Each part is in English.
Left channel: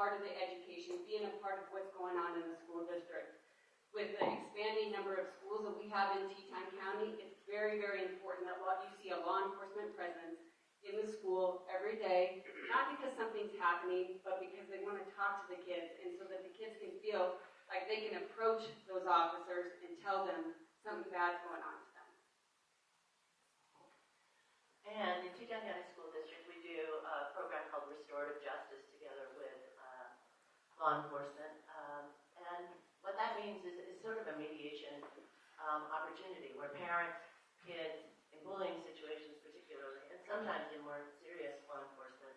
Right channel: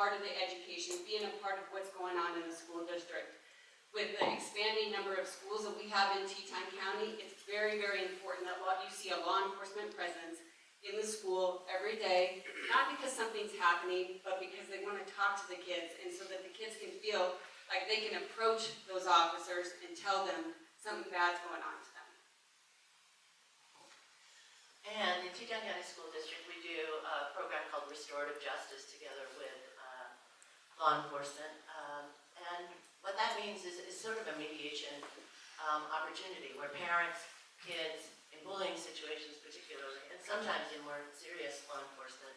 part of the education, being a part of what's going on in the school district. With the expanding number of schools that we have in Teton County, it's very, very important that you see a law enforcement presence in the school every day, not because something's happening, but because they want to talk to the kids, and so that the kids can feel like they can approach those officers and tell them something bad's going on to them. And in Teton County School District, we do a program called Restorative Justice together with law enforcement. And what that means is sort of a mediation opportunity where parents, kids, in bullying situations particularly, and sometimes in more serious law enforcement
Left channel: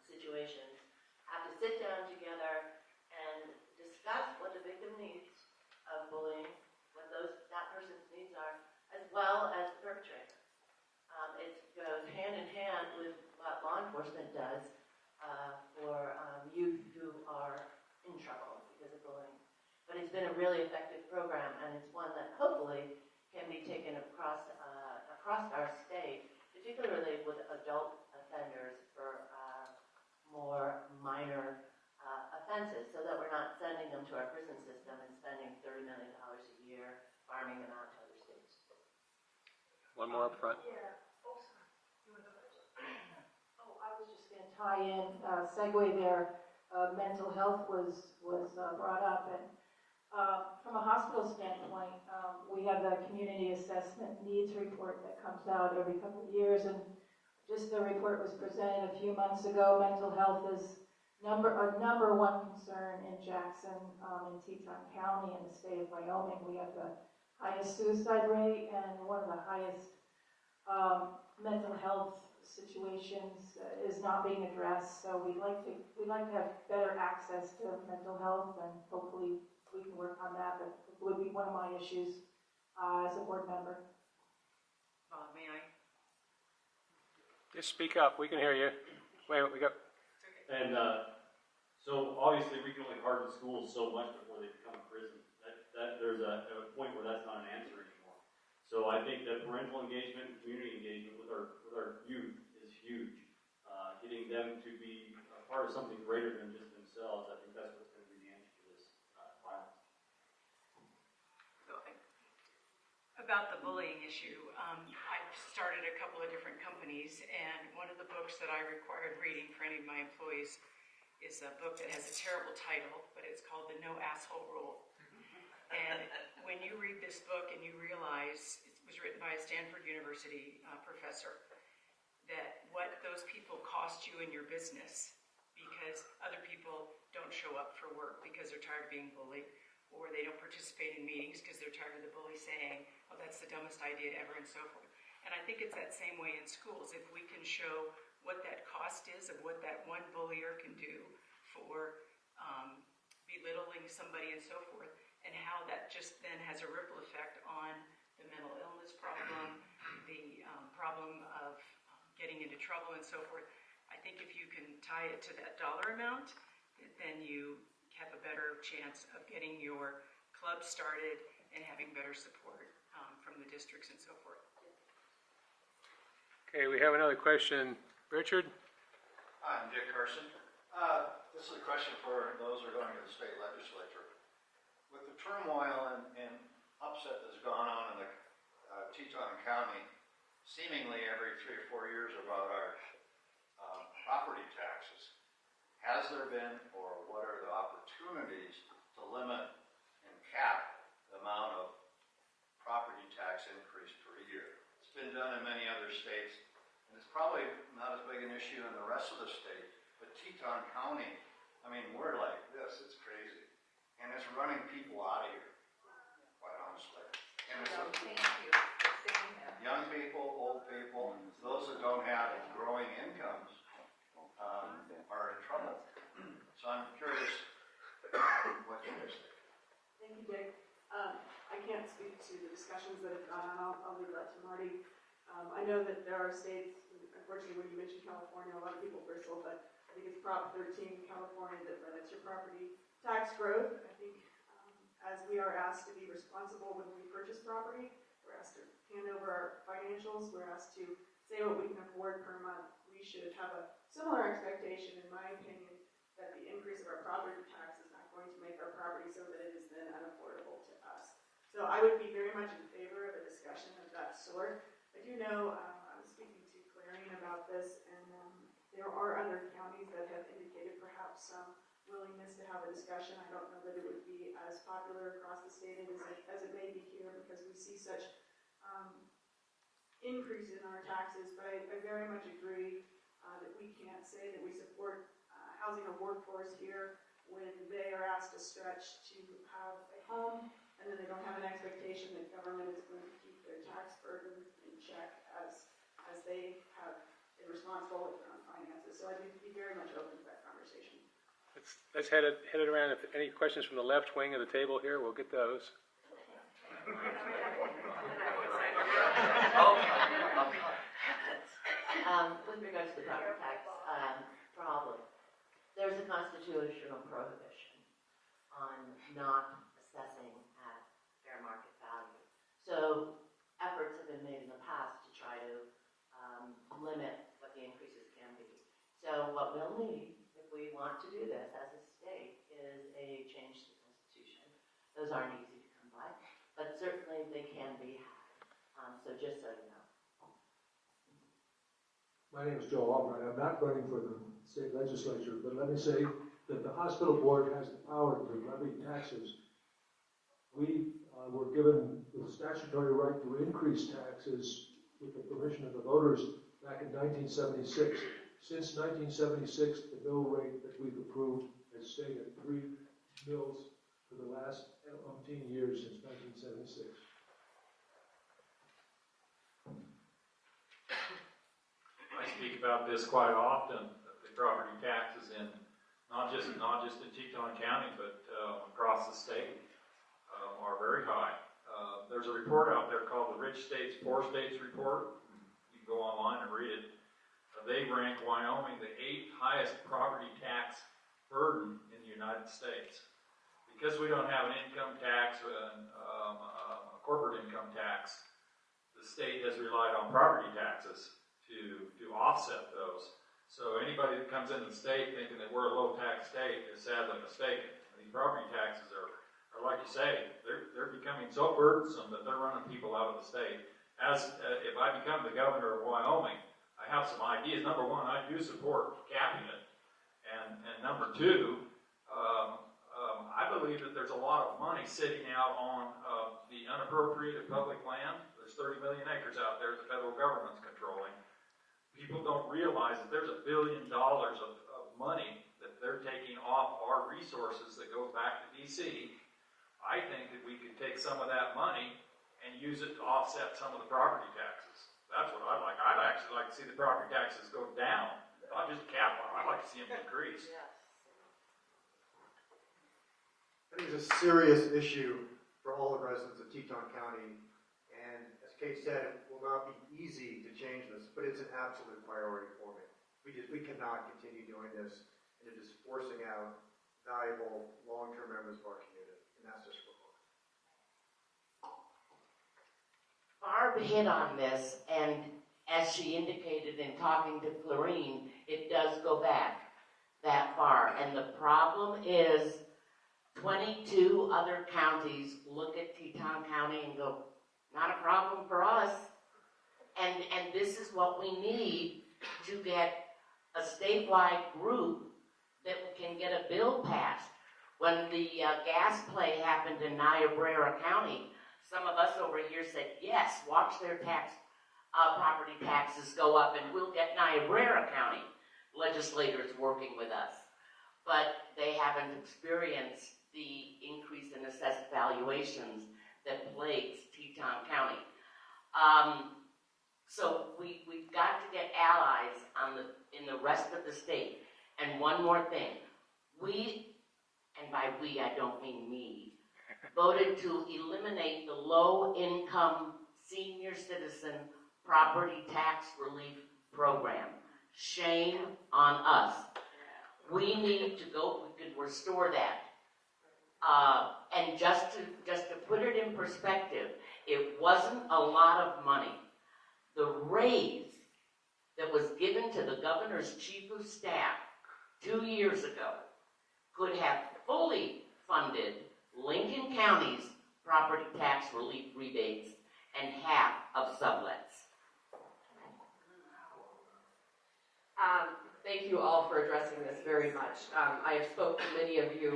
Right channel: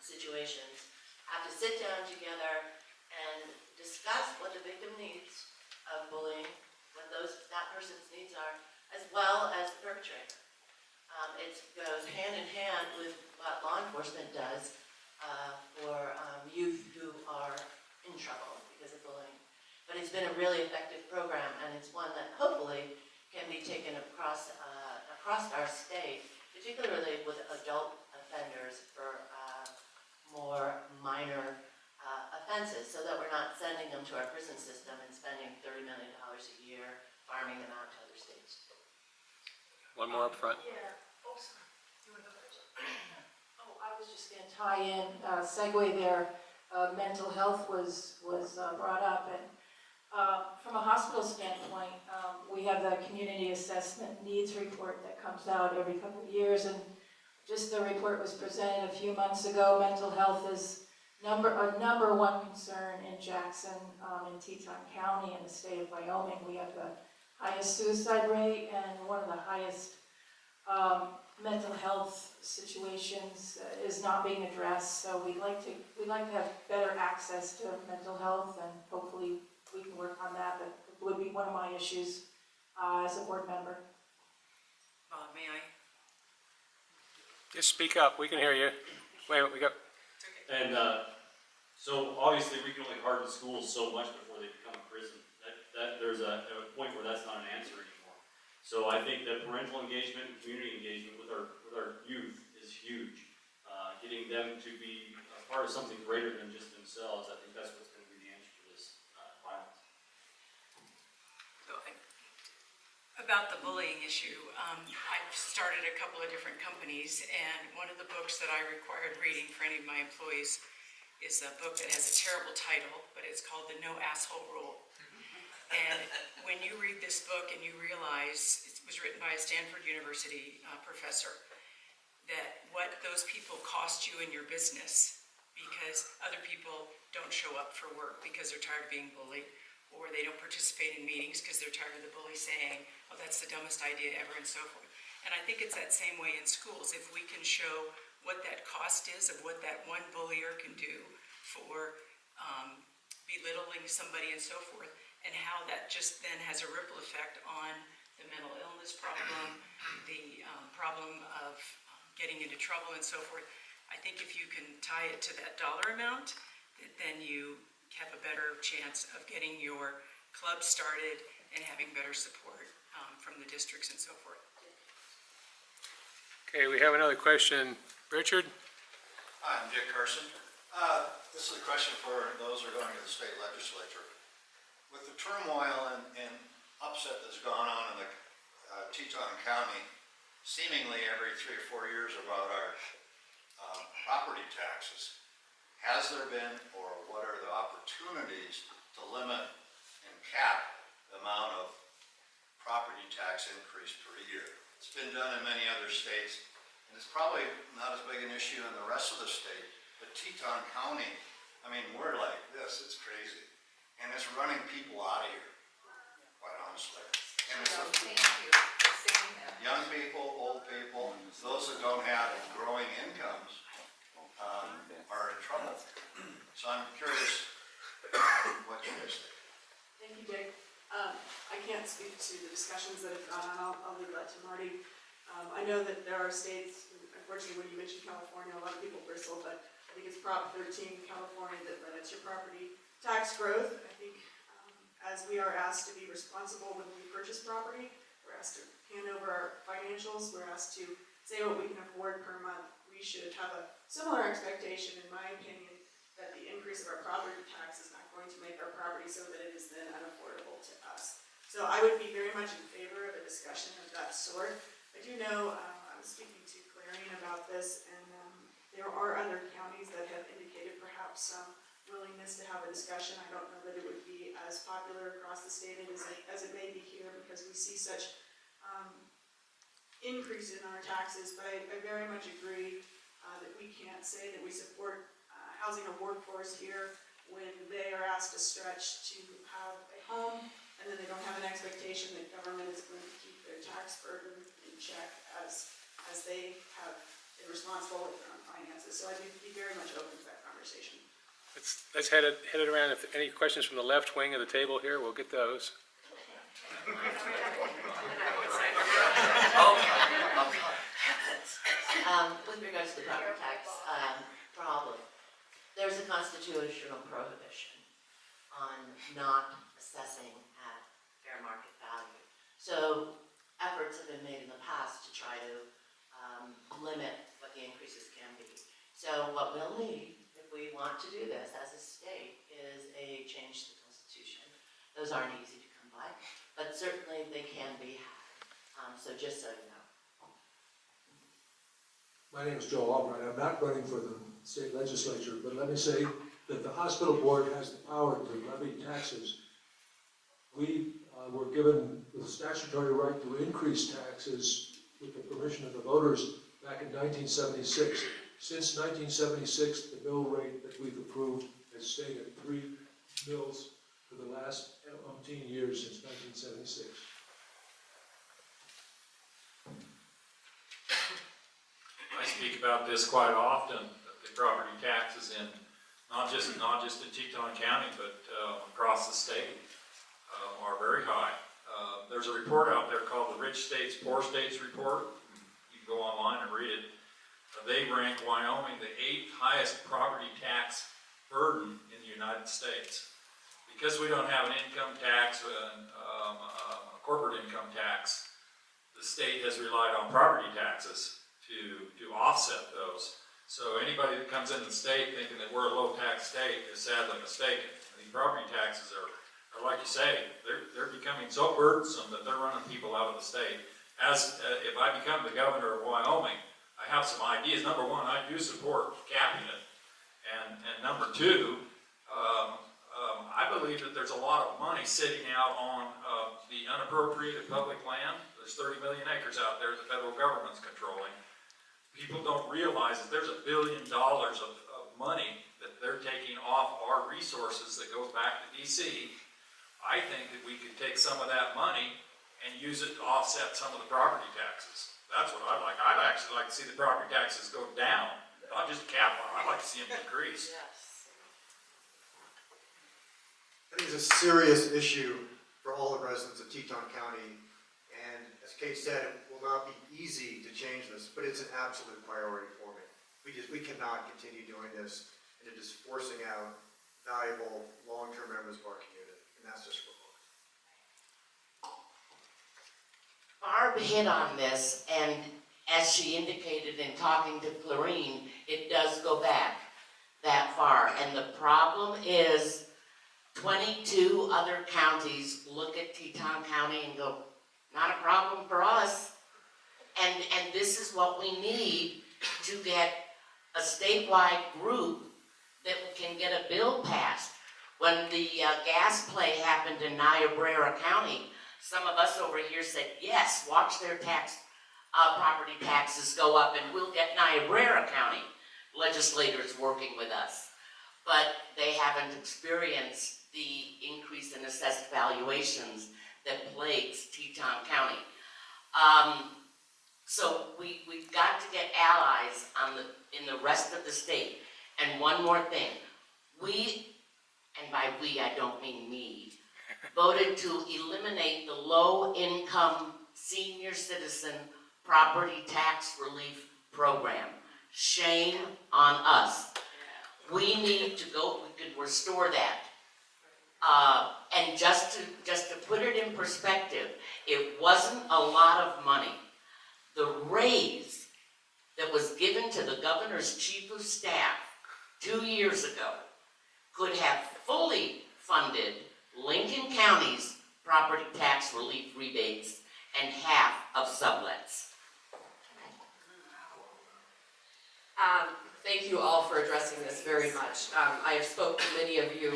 situations, have to sit down together and discuss what the victim needs of bullying, what that person's needs are, as well as the perpetrator. It goes hand in hand with what law enforcement does for youth who are in trouble because of bullying. But it's been a really effective program, and it's one that hopefully can be taken across our state, particularly with adult offenders for more minor offenses, so that we're not sending them to our prison system and spending $30 million a year farming them out to other states. One more up front. Yeah. Oh, sorry. You want to go first? Oh, I was just going to tie in, segue there. Mental health was brought up, and from a hospital standpoint, we have the community assessment needs report that comes out every couple of years, and just the report was presented a few months ago. Mental health is a number one concern in Jackson, in Teton County, in the state of Wyoming. We have the highest suicide rate and one of the highest mental health situations is not being addressed. So we'd like to have better access to mental health, and hopefully we can work on that. But it would be one of my issues as a board member. May I? Just speak up. We can hear you. Wait, we got. And so obviously we can only harden schools so much before they become a prison. That there's a point where that's not an answer anymore. So I think that parental engagement and community engagement with our youth is huge. Getting them to be a part of something greater than just themselves, I think that's what's going to be the answer to this violence. So about the bullying issue, I've started a couple of different companies, and one of the books that I required reading for any of my employees is a book that has a terrible title, but it's called The No Asshole Rule. And when you read this book and you realize it was written by a Stanford University professor, that what those people cost you in your business because other people don't show up for work because they're tired of being bullied, or they don't participate in meetings because they're tired of the bully saying, oh, that's the dumbest idea ever, and so forth. And I think it's that same way in schools. If we can show what that cost is of what that one bullier can do for belittling somebody and so forth, and how that just then has a ripple effect on the mental illness problem, the problem of getting into trouble and so forth. I think if you can tie it to that dollar amount, then you have a better chance of getting your club started and having better support from the districts and so forth. Okay, we have another question. Richard? Hi, I'm Dick Carson. This is a question for those who are going to the state legislature. With the turmoil and upset that's gone on in the Teton County, seemingly every 3 or 4 years about our property taxes, has there been, or what are the opportunities to limit and cap the amount of property tax increase per year? It's been done in many other states, and it's probably not as big an issue in the rest of the state, but Teton County, I mean, we're like this, it's crazy. And it's running people out of here, quite honestly. And it's Thank you for saying that. young people, old people, those that don't have growing incomes are in trouble. So I'm curious what you guys think. Thank you, Dick. I can't speak to the discussions that have gone on. I'll leave that to Marty. I know that there are states, unfortunately when you mentioned California, a lot of people bristle, but I think it's Prop 13 California that limits your property tax growth. I think as we are asked to be responsible when we purchase property, we're asked to hand over our financials, we're asked to say what we can afford per month. We should have a similar expectation, in my opinion, that the increase of our property tax is not going to make our property so that it is then unaffordable to us. So I would be very much in favor of a discussion of that sort. I do know, I was speaking to Clarion about this, and there are other counties that have indicated perhaps some willingness to have a discussion. I don't know that it would be as popular across the state as it may be here, because we see such increase in our taxes, but I very much agree that we can't say that we support housing a workforce here when they are asked to stretch to have a home, and then they don't have an expectation that government is going to keep their tax burden in check as they have been responsible with their own finances. So I'd be very much open to that conversation. Let's head it around. If any questions from the left wing of the table here, we'll get those. With regards to the property tax problem, there's a constitutional prohibition on not assessing at fair market value. So efforts have been made in the past to try to limit what the increases can be. So what we'll need, if we want to do this as a state, is a change to the Constitution. Those aren't easy to come by, but certainly they can be had. So just so you know. My name is Joe Albright. I'm not running for the state legislature, but let me say that the hospital board has the power to levy taxes. We were given the statutory right to increase taxes with the permission of the voters back in 1976. Since 1976, the mill rate that we've approved has stayed at 3 mills for the last umpteen years since 1976. I speak about this quite often, the property taxes in, not just in Teton County, but across the state are very high. There's a report out there called the Rich States, Poor States Report. You can go online and read it. They rank Wyoming the 8th highest property tax burden in the United States. Because we don't have an income tax, a corporate income tax, the state has relied on property taxes to offset those. So anybody that comes into the state thinking that we're a low tax state is sadly mistaken. The property taxes are like you say, they're becoming so burdensome that they're running people out of the state. If I become the governor of Wyoming, I have some ideas. Number one, I do support capping it. And number two, I believe that there's a lot of money sitting out on the unappropriated public land. There's 30 million acres out there that the federal government's controlling. People don't realize that there's $1 billion of money that they're taking off our resources that goes back to DC. I think that we could take some of that money and use it to offset some of the property taxes. That's what I'd like. I'd actually like to see the property taxes go down, not just cap them. I'd like to see them increase. I think it's a serious issue for all the residents of Teton County, and as Kate said, it will not be easy to change this, but it's an absolute priority for me. We cannot continue doing this, and it is forcing out valuable long-term members of our community, and that's just wrong. Barb hit on this, and as she indicated in talking to Clarine, it does go back that far, and the problem is 22 other counties look at Teton County and go, not a problem for us. And this is what we need to get a statewide group that can get a bill passed. When the gas play happened in Niobrara County, some of us over here said, yes, watch their property taxes go up and we'll get Niobrara County legislators working with us. But they haven't experienced the increase in assessed valuations that plagues Teton County. So we've got to get allies in the rest of the state. And one more thing, we, and by we I don't mean me, voted to eliminate the low-income senior citizen property tax relief program. Shame on us. We need to go, we could restore that. And just to put it in perspective, it wasn't a lot of money. The raise that was given to the governor's chief of staff 2 years ago could have fully funded Lincoln County's property tax relief rebates and half of sublets. Thank you all for addressing this very much. I have spoken to many of you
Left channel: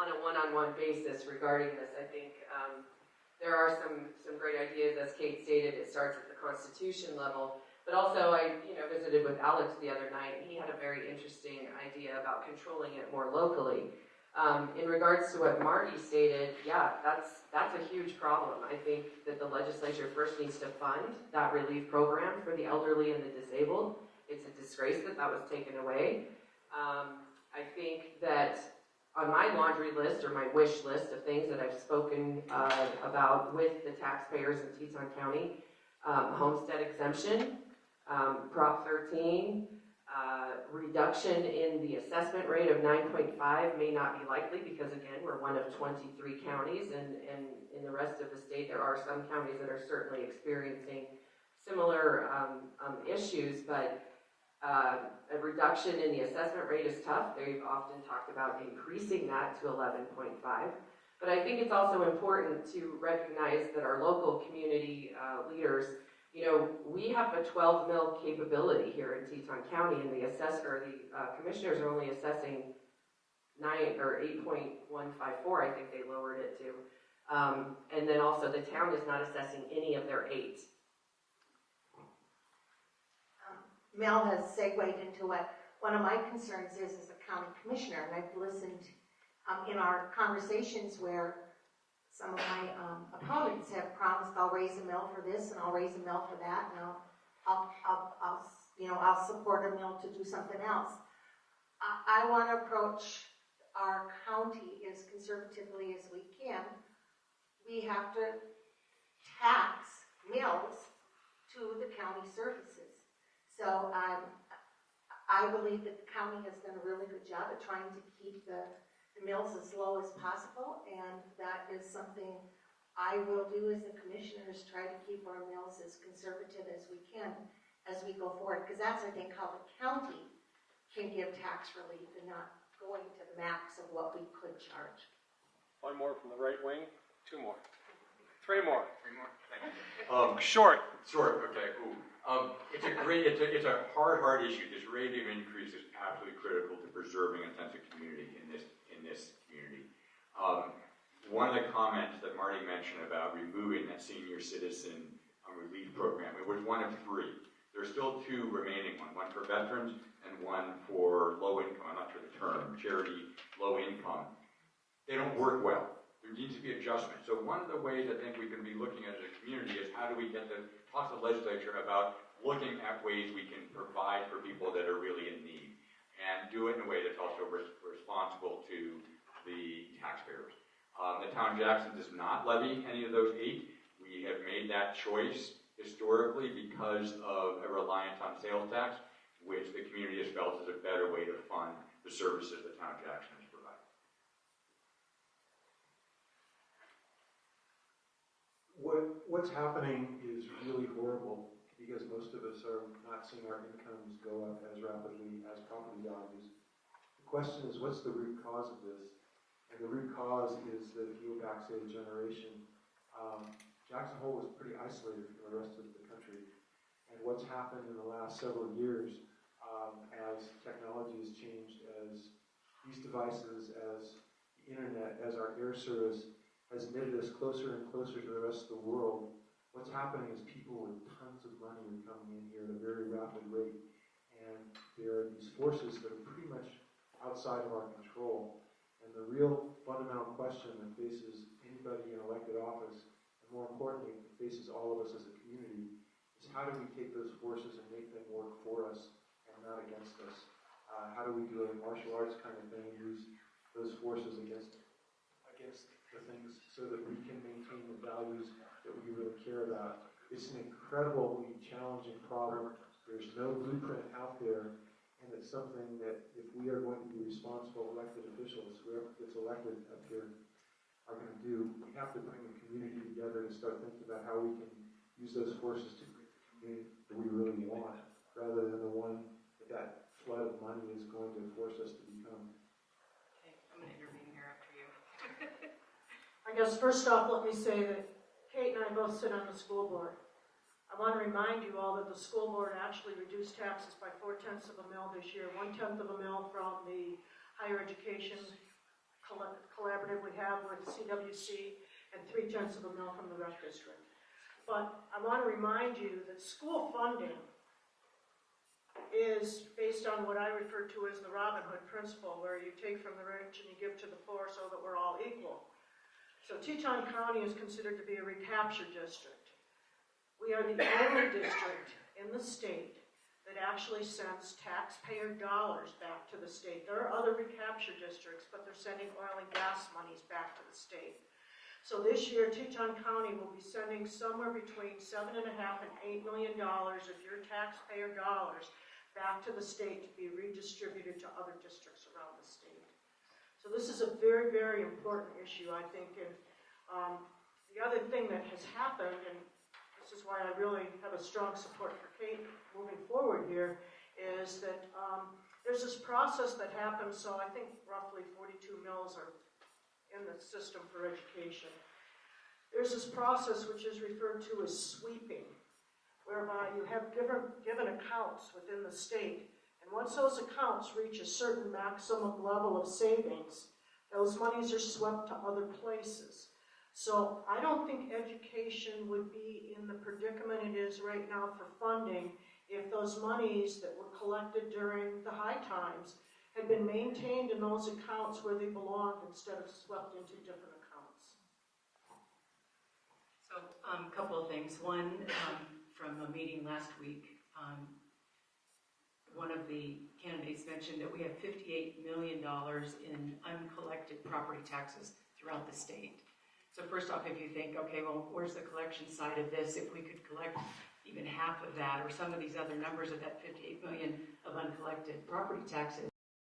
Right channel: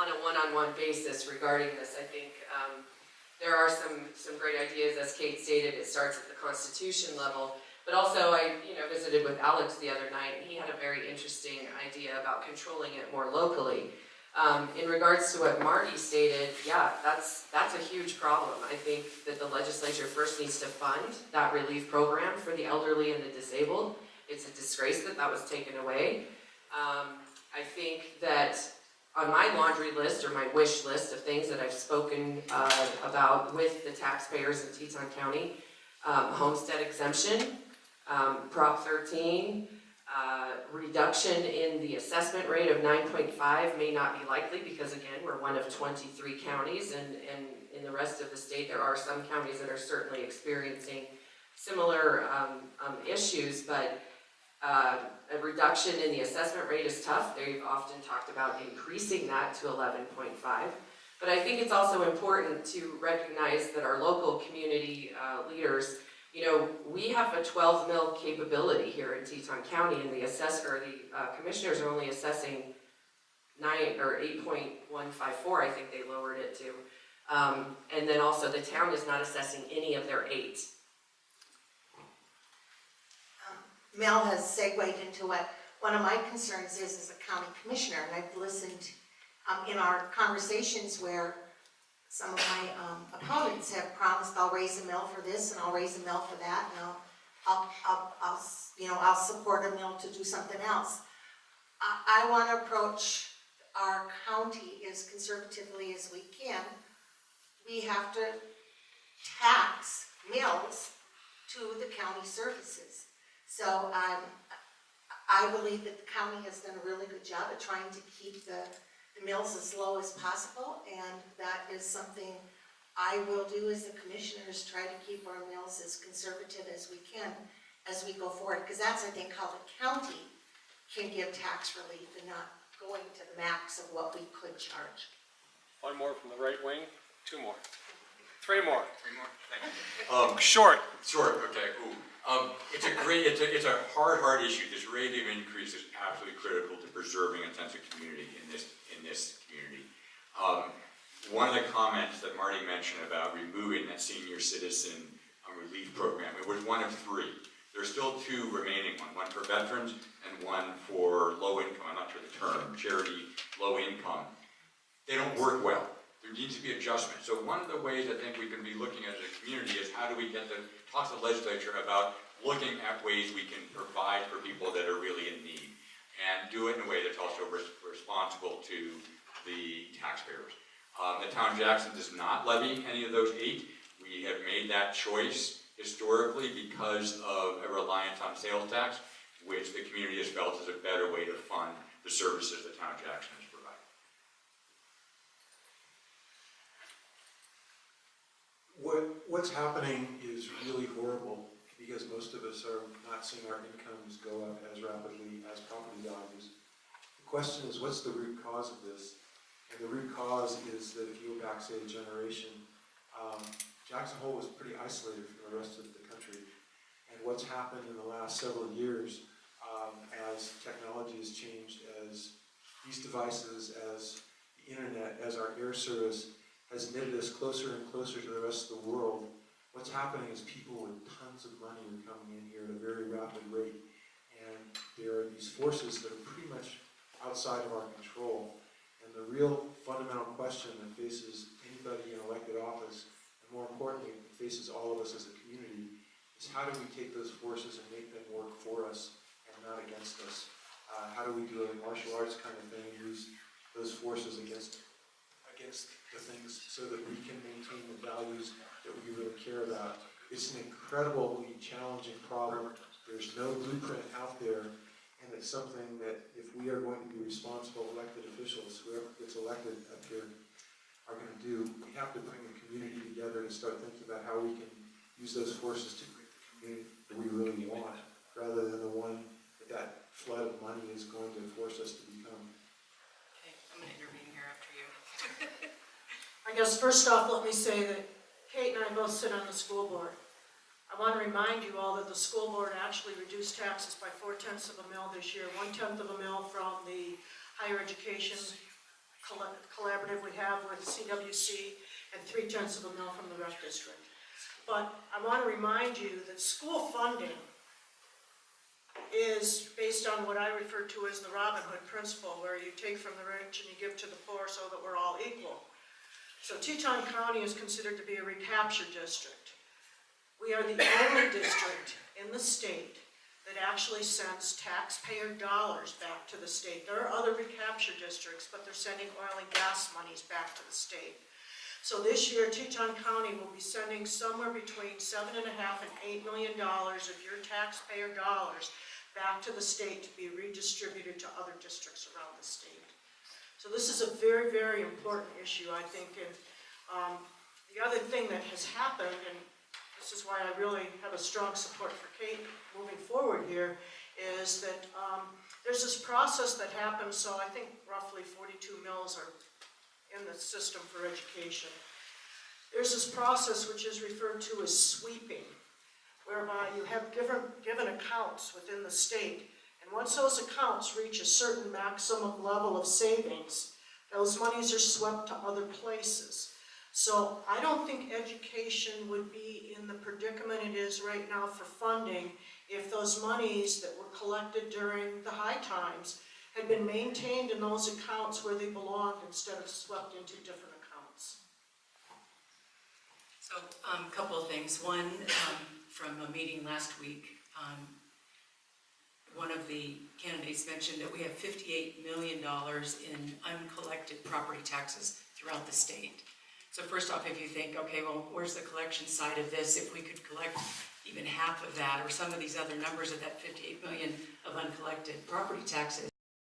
on a one-on-one basis regarding this. I think there are some great ideas, as Kate stated. It starts at the Constitution level, but also I visited with Alex the other night, and he had a very interesting idea about controlling it more locally. In regards to what Marty stated, yeah, that's a huge problem. I think that the legislature first needs to fund that relief program for the elderly and the disabled. It's a disgrace that that was taken away. I think that on my laundry list or my wish list of things that I've spoken about with the taxpayers in Teton County, homestead exemption, Prop 13, reduction in the assessment rate of 9.5 may not be likely because again, we're one of 23 counties and in the rest of the state there are some counties that are certainly experiencing similar issues, but a reduction in the assessment rate is tough. They've often talked about increasing that to 11.5. But I think it's also important to recognize that our local community leaders, we have a 12 mil capability here in Teton County, and the commissioners are only assessing 9 or 8.154. I think they lowered it to, and then also the town is not assessing any of their 8. Mel has segued into what one of my concerns is as a county commissioner, and I've listened in our conversations where some of my opponents have promised I'll raise a mill for this and I'll raise a mill for that, and I'll support a mill to do something else. I want to approach our county as conservatively as we can. We have to tax mills to the county services. So I believe that the county has done a really good job at trying to keep the mills as low as possible, and that is something I will do as the commissioners, try to keep our mills as conservative as we can as we go forward, because that's, I think, how the county can give tax relief and not going to the max of what we could charge. One more from the right wing, 2 more. 3 more. 3 more, thank you. Short. Okay, cool. It's a hard issue. This rate of increase is absolutely critical to preserving a sense of community in this community. One of the comments that Marty mentioned about removing that senior citizen relief program, it was one of 3. There's still 2 remaining, one for veterans and one for low income, I'm not sure the term, charity, low income. They don't work well. There needs to be adjustment. So one of the ways I think we can be looking at as a community is how do we talk to the legislature about looking at ways we can provide for people that are really in need and do it in a way that's also responsible to the taxpayers. The town of Jackson does not levy any of those 8. We have made that choice historically because of a reliance on sales tax, which the community has felt is a better way to fund the services the town of Jackson has provided. What's happening is really horrible because most of us are not seeing our incomes go up as rapidly as property values. The question is, what's the root cause of this? And the root cause is that if you go back, say, a generation, Jackson Hole was pretty isolated from the rest of the country. And what's happened in the last several years, as technology has changed, as these devices, as the internet, as our air service has knitted us closer and closer to the rest of the world, what's happening is people with tons of money are coming in here at a very rapid rate. And there are these forces that are pretty much outside of our control. And the real fundamental question that faces anybody in elected office, and more importantly, that faces all of us as a community, is how do we take those forces and make them work for us and not against us? How do we do a martial arts kind of thing and use those forces against the things so that we can maintain the values that we really care about? It's an incredibly challenging problem. There's no blueprint out there, and it's something that if we are going to be responsible elected officials, whoever gets elected up here, are going to do, we have to bring the community together to start thinking about how we can use those forces to create the community that we really want, rather than the one that flood of money is going to force us to become. Okay, I'm going to I guess first off, let me say that Kate and I both sit on the school board. I want to remind you all that the school board actually reduced taxes by 0.4 of a mil this year, 1/10 of a mil from the higher education collaborative we have with CWC, and 0.3 of a mil from the rec district. But I want to remind you that school funding is based on what I refer to as the Robin Hood principle, where you take from the rich and you give to the poor so that we're all equal. So Teton County is considered to be a recapture district. We are the only district in the state that actually sends taxpayer dollars back to the state. There are other recapture districts, but they're sending oil and gas monies back to the state. So this year, Teton County will be sending somewhere between $7.5 and $8 million of your taxpayer dollars back to the state to be redistributed to other districts around the state. So this is a very, very important issue, I think. And the other thing that has happened, and this is why I really have a strong support for Kate moving forward here, is that there's this process that happens. So I think roughly 42 mills are in the system for education. There's this process which is referred to as sweeping, whereby you have given accounts within the state, and once those accounts reach a certain maximum level of savings, those monies are swept to other places. So I don't think education would be in the predicament it is right now for funding if those monies that were collected during the high times had been maintained in those accounts where they belonged instead of swept into different accounts. So, a couple of things. One, from a meeting last week, one of the candidates mentioned that we have $58 million in uncollected property taxes throughout the state. So first off, if you think, okay, well, where's the collection side of this? If we could collect even half of that, or some of these other numbers of that 58 million of uncollected property taxes,